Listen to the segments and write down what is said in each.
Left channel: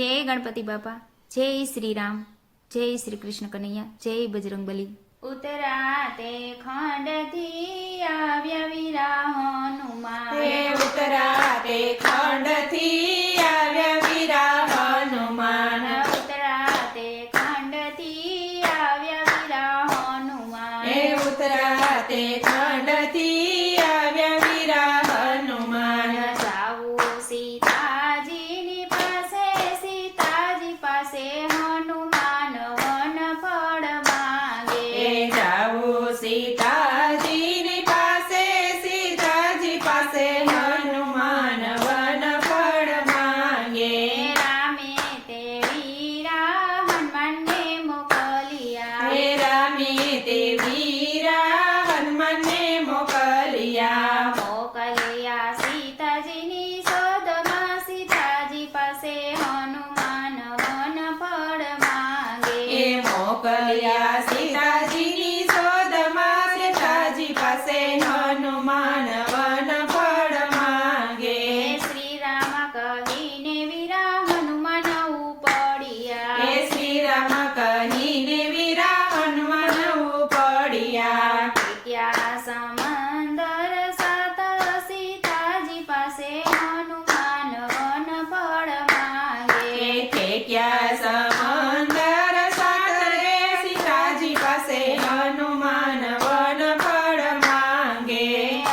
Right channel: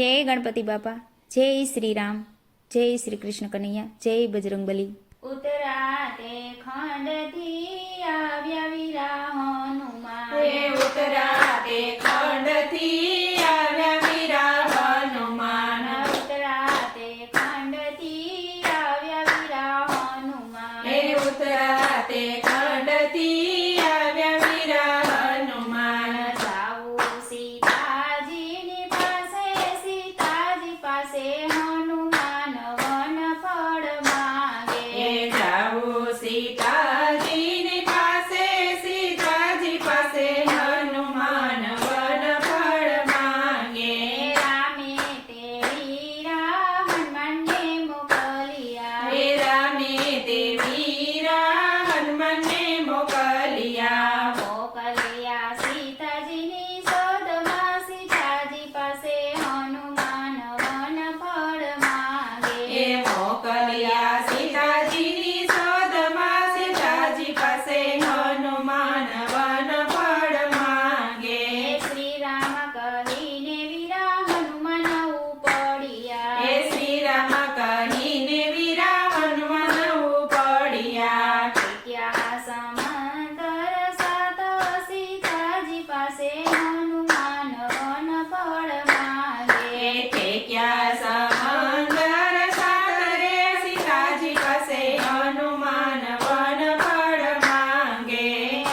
જય ગણપતિ બાપા, જય શ્રી રામ, જય શ્રી કૃષ્ણ કનૈયા, જય બજરંગબલી. ઉતરાતે ખંડથી આવ્યા વીરા હનુમાન. હે ઉતરાતે ખંડથી આવ્યા વીરા હનુમાન. ઉતરાતે ખંડથી આવ્યા વીરા હનુમાન. હે ઉતરાતે ખંડથી આવ્યા વીરા હનુમાન. જાવું સીતાજીની પાસે, સીતાજી પાસે હનુમાન વન ફળ માંગે. હે જાવું સીતાજીની પાસે, સીતાજી પાસે હનુમાન વન ફળ માંગે. રામે તે વીરા હનુમાનને મોકલ્યા. હે રામે તે વીરા હનુમાનને મોકલ્યા. મોકલ્યા સીતાજીની શોધમાં, સીતાજી પાસે હનુમાન વન ફળ માંગે. એ મોકલ્યા સીતાજીની શોધમાં, સીતાજી પાસે હનુમાન વન ફળ માંગે. શ્રી રામ કહીને વીરા હનુમાન ઉપડ્યા. હે શ્રી રામ કહીને વીરા હનુમાન ઉપડ્યા. ત્યાં સમંદર સાત, સીતાજી પાસે હનુમાન વન ફળ માંગે. હે ઠેક્યા સમંદર સાતરે, સીતાજી પાસે હનુમાન વન ફળ માંગે.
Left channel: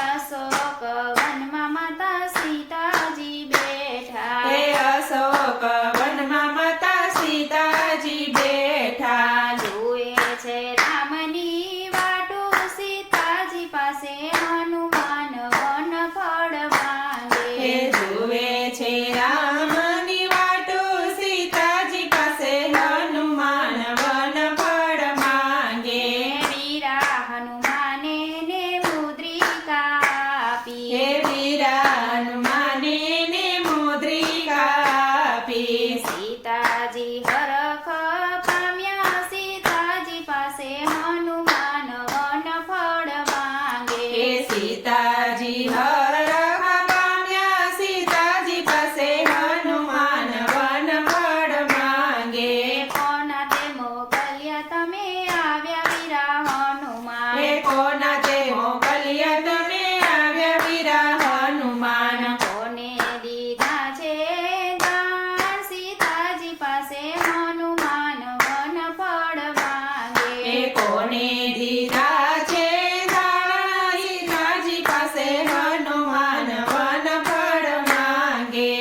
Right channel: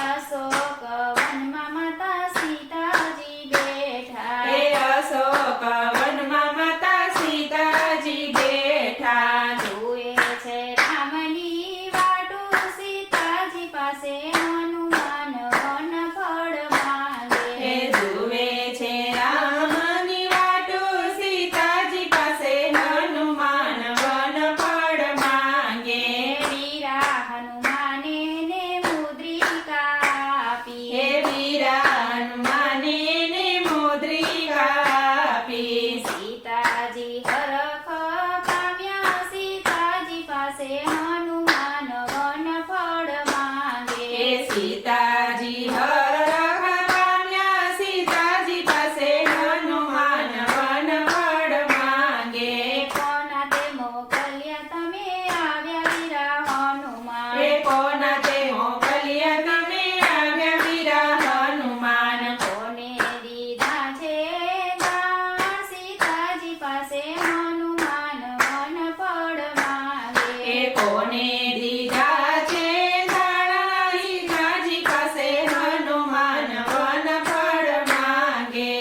અશોક વનમાં માતા સીતાજી બેઠા. હે અશોક વનમાં માતા સીતાજી બેઠા. જુએ છે રામની વાટો, સીતાજી પાસે હનુમાન વન ફળ માંગે. હે જુએ છે રામની વાટો, સીતાજી પાસે હનુમાન વન ફળ માંગે. વીરા હનુમાને ને મુદ્રિકા આપી. હે વીરા હનુમાને ને મુદ્રિકા આપી. સીતાજી હરખ પામ્યા, સીતાજી પાસે હનુમાન વન ફળ માંગે. હે સીતાજી હરખ પામ્યા, સીતાજી પાસે હનુમાન વન ફળ માંગે. કોના તે મોકલ્યા તમે આવ્યા વીરા હનુમાન. હે કોના તે મોકલ્યા તમે આવ્યા વીરા હનુમાન. કોને દીધા છે દાન, સીતાજી પાસે હનુમાન વન ફળ માંગે. હે કોને દીધા છે દાણા, સીતાજી પાસે હનુમાન વન ફળ માંગે.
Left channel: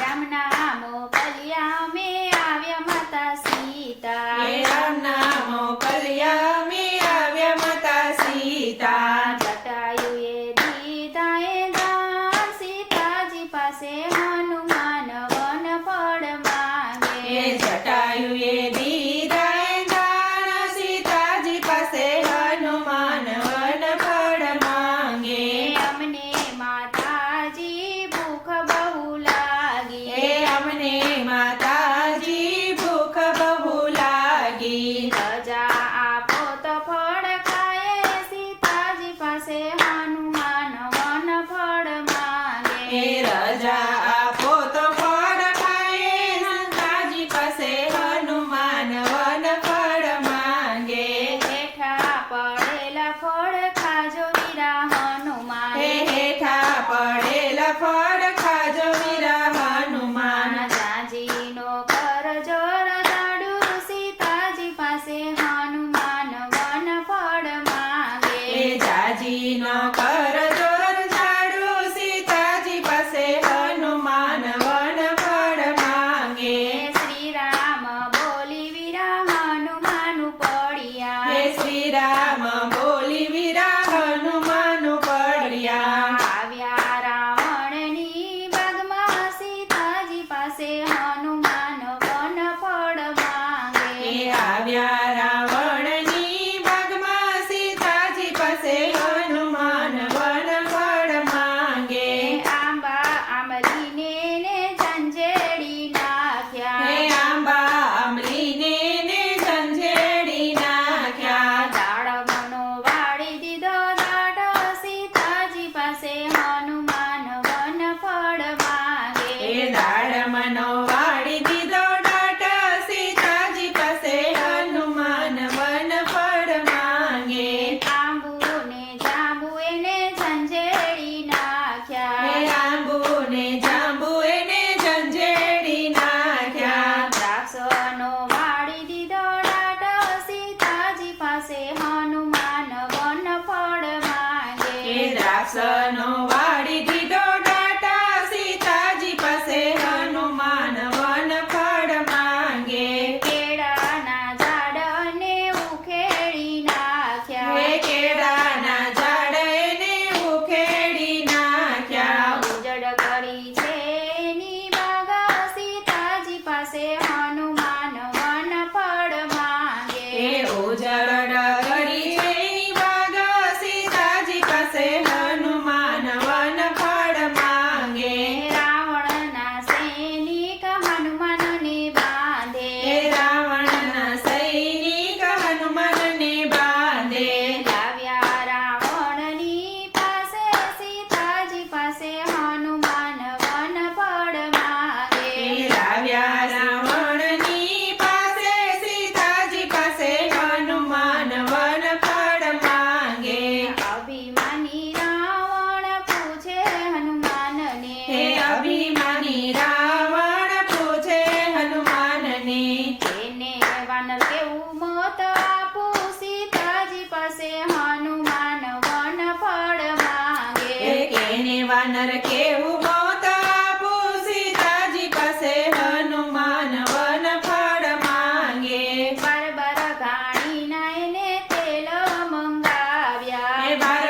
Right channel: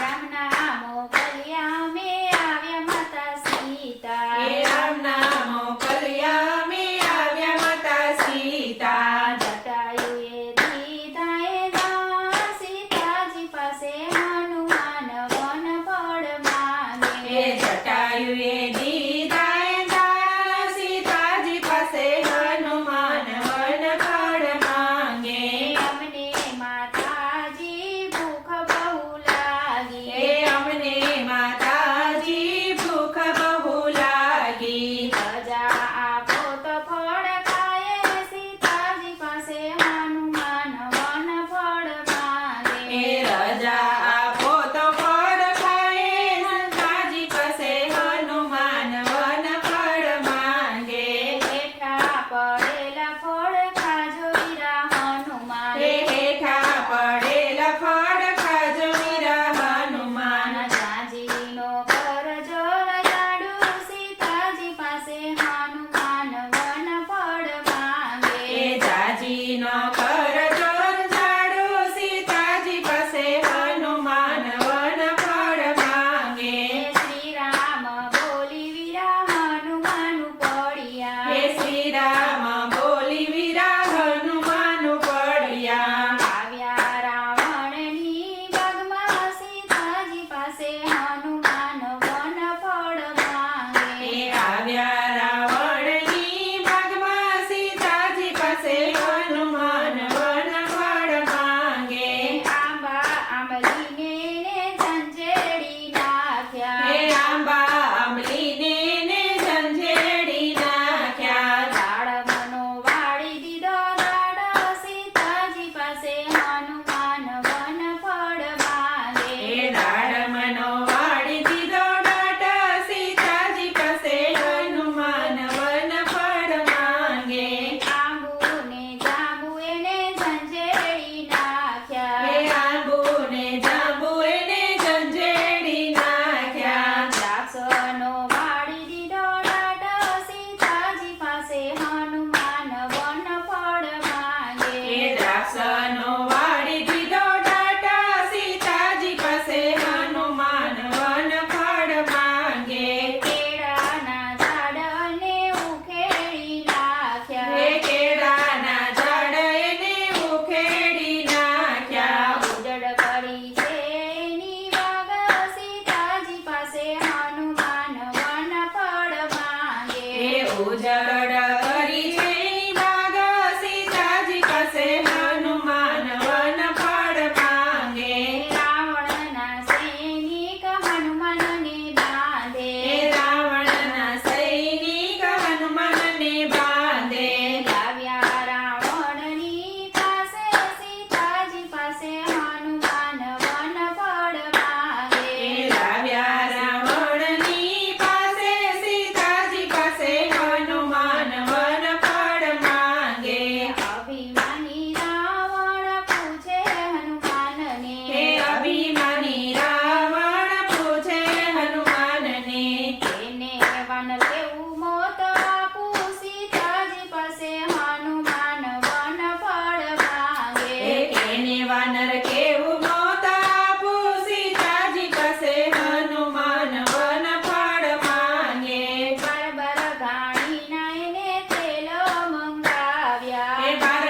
રામના મોકલ્યા અમે આવ્યા માતા સીતા. હે રામના મોકલ્યા અમે આવ્યા માતા સીતા. જટાયુએ દીધા એ દાન, સીતાજી પાસે હનુમાન વન ફળ માંગે. હે જટાયુએ દીધા એ દાણા, સીતાજી પાસે હનુમાન વન ફળ માંગે. અમને માતાજી ભૂખ બહુ લાગી. હે અમને માતાજી ભૂખ બહુ લાગી. રજા આપો તો ફળ ખાય, સીતાજી પાસે હનુમાન વન ફળ માંગે. હે રજા આપો તો ફળ ખાય, સંતાજી પાસે હનુમાન વન ફળ માંગે. હેઠા પડેલા ફળ ખાજો વીરા હનુમાન. હે હેઠા પડેલા ફળ ખાજો વીરા હનુમાન. જાજીનો કરજો રજાડુ, સીતાજી પાસે હનુમાન વન ફળ માંગે. હે જાજીનો કરજો ઝાડુ, સીતાજી પાસે હનુમાન વન ફળ માંગે. શ્રી રામ બોલી વીરા હનુમાન પડ્યા. હે શ્રી રામ બોલી વીરા હનુમાન પડ્યા. આવ્યા રાવણની બાગમાં, સીતાજી પાસે હનુમાન વન ફળ માંગે. હે આવ્યા રાવણની બાગમાં, સીતાજી પાસે હનુમાન વન વાસનો વાળી દીધો ડાટા સીતાજી પાસે હનુમાન વન ફળ માંગે કેળાના ઝાડને ઉખેડી નાખ્યા હે કેળાના ઝાડ એને ઉખેડી નાખ્યા ઉજળ કરી છે એની બાગા સીતાજી પાસે હનુમાન વન ફળ માંગે એ ઉજળ કરી છે બાગ સીતાજી પાસે હનુમાન વન ફળ માંગે રાવણના સૈનિક હનુમાનને બાંધે હે રાવણના સૈનિક હનુમાનને બાંધે લાવ્યા રાવણની પાસે સીતાજી પાસે હનુમાન વન ફળ માંગે લાવ્યા રાવણની પાસે સીતાજી પાસે હનુમાન વન ફળ માંગે અભિમાની રાવણ પૂછે હનુમાનને હે અભિમાની રાવણ પૂછે હનુમાનને એને વાનર કેવું મોત આપું સીતાજી પાસે હનુમાન વન ફળ માંગે હે કેને વાનર કેવું મોત આપું સીતાજી પાસે હનુમાન વન ફળ માંગે બારબાર ઘાણીના એને તેલ મંગાવ્યા હે બાર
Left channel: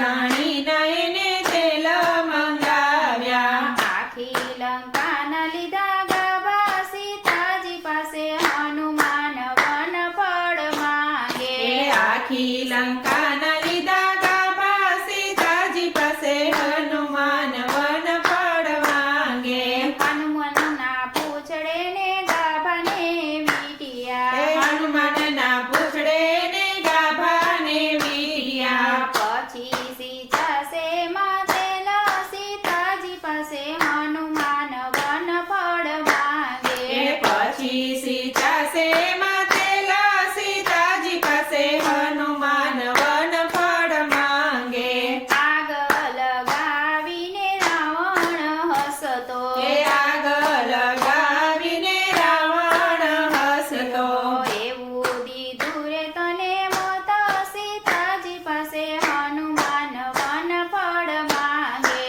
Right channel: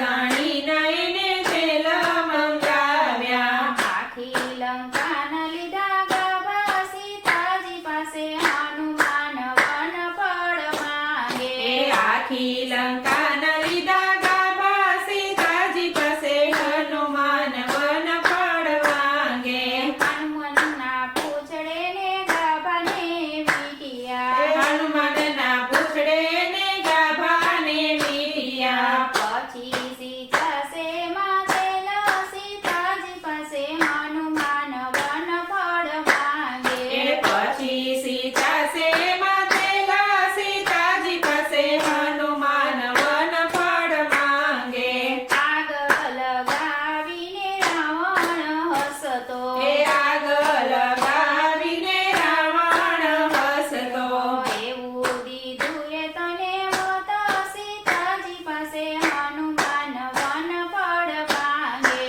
ગાણીના એને તેલ મંગાવ્યા આખી લંકાના લીધા ગાભા સીતાજી પાસે હનુમાન વન ફળ માંગે એ આખી લંકાના લીધા ગાભા સીતાજી પાસે હનુમાન વન ફળ માંગે હનુમાનના પૂંછડે ને ગાભાને વીંટ્યા હે હનુમાનના પૂછડે ને ગાભાને વીંટ્યા પછી સીતાસે માતેલા સીતાજી પાસે હનુમાન વન ફળ માંગે એ પછી સીતા સેમાં તેલા સીતાજી પાસે હનુમાન વન ફળ માંગે આગ લગાવીને રાવણ હસતો એ આગ લગાવીને રાવણ હસતો એવું દીધું રે તને માતા સીતાજી પાસે હનુમાન વન ફળ માંગે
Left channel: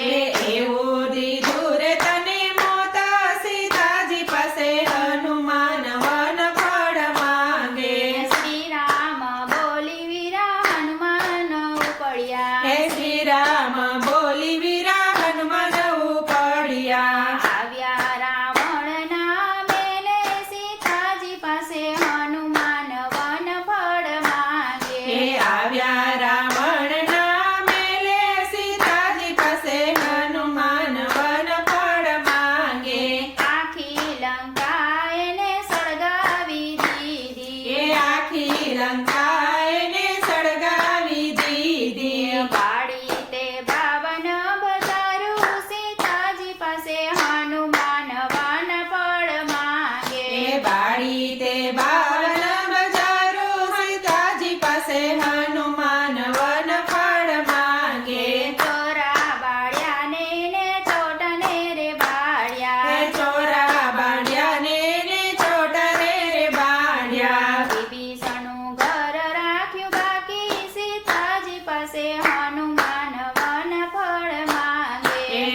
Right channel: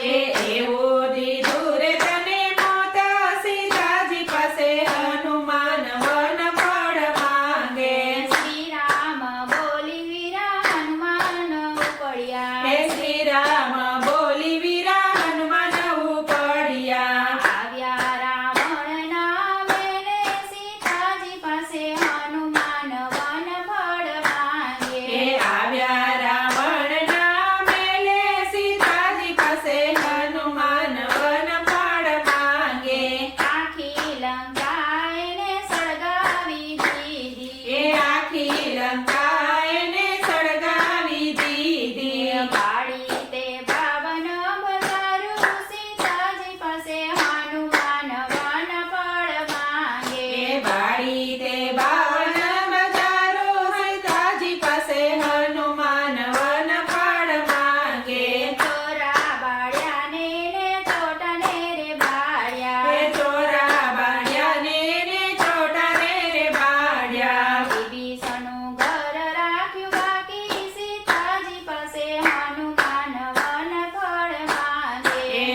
એવું દીધું રે તને મોતા સીતાજી પાસે હનુમાન વન ફળ માંગે શ્રી રામ બોલી વીરા હનુમાન પડ્યા હે શ્રી રામ બોલી વીરા હનુમાન ઉપડ્યા આવ્યા રાવણના બેને સીતાજી પાસે હનુમાન વન ફળ માંગે હે આવ્યા રાવણના મેલે સીતાજી પાસે હનુમાન વન ફળ માંગે આખી લંકા એને સળગાવી દીધી એ આખી લંકા એને સળગાવી દીધી બાળી તે બાવન બજારું સીતાજી પાસે હનુમાન વન ફળ માંગે એ બાળી તે બાવન બજારો સીતાજી પાસે હનુમાન વન ફળ માંગે ચોરા બાળ્યાને ને ચોટને રે બાળ્યા હે ચોરા બાળ્યાને ને ચોટાને રે બાળ્યા વિભીષણનું ઘર રાખ્યું બાકી સીતાજી પાસે હનુમાન વન ફળ માંગે એ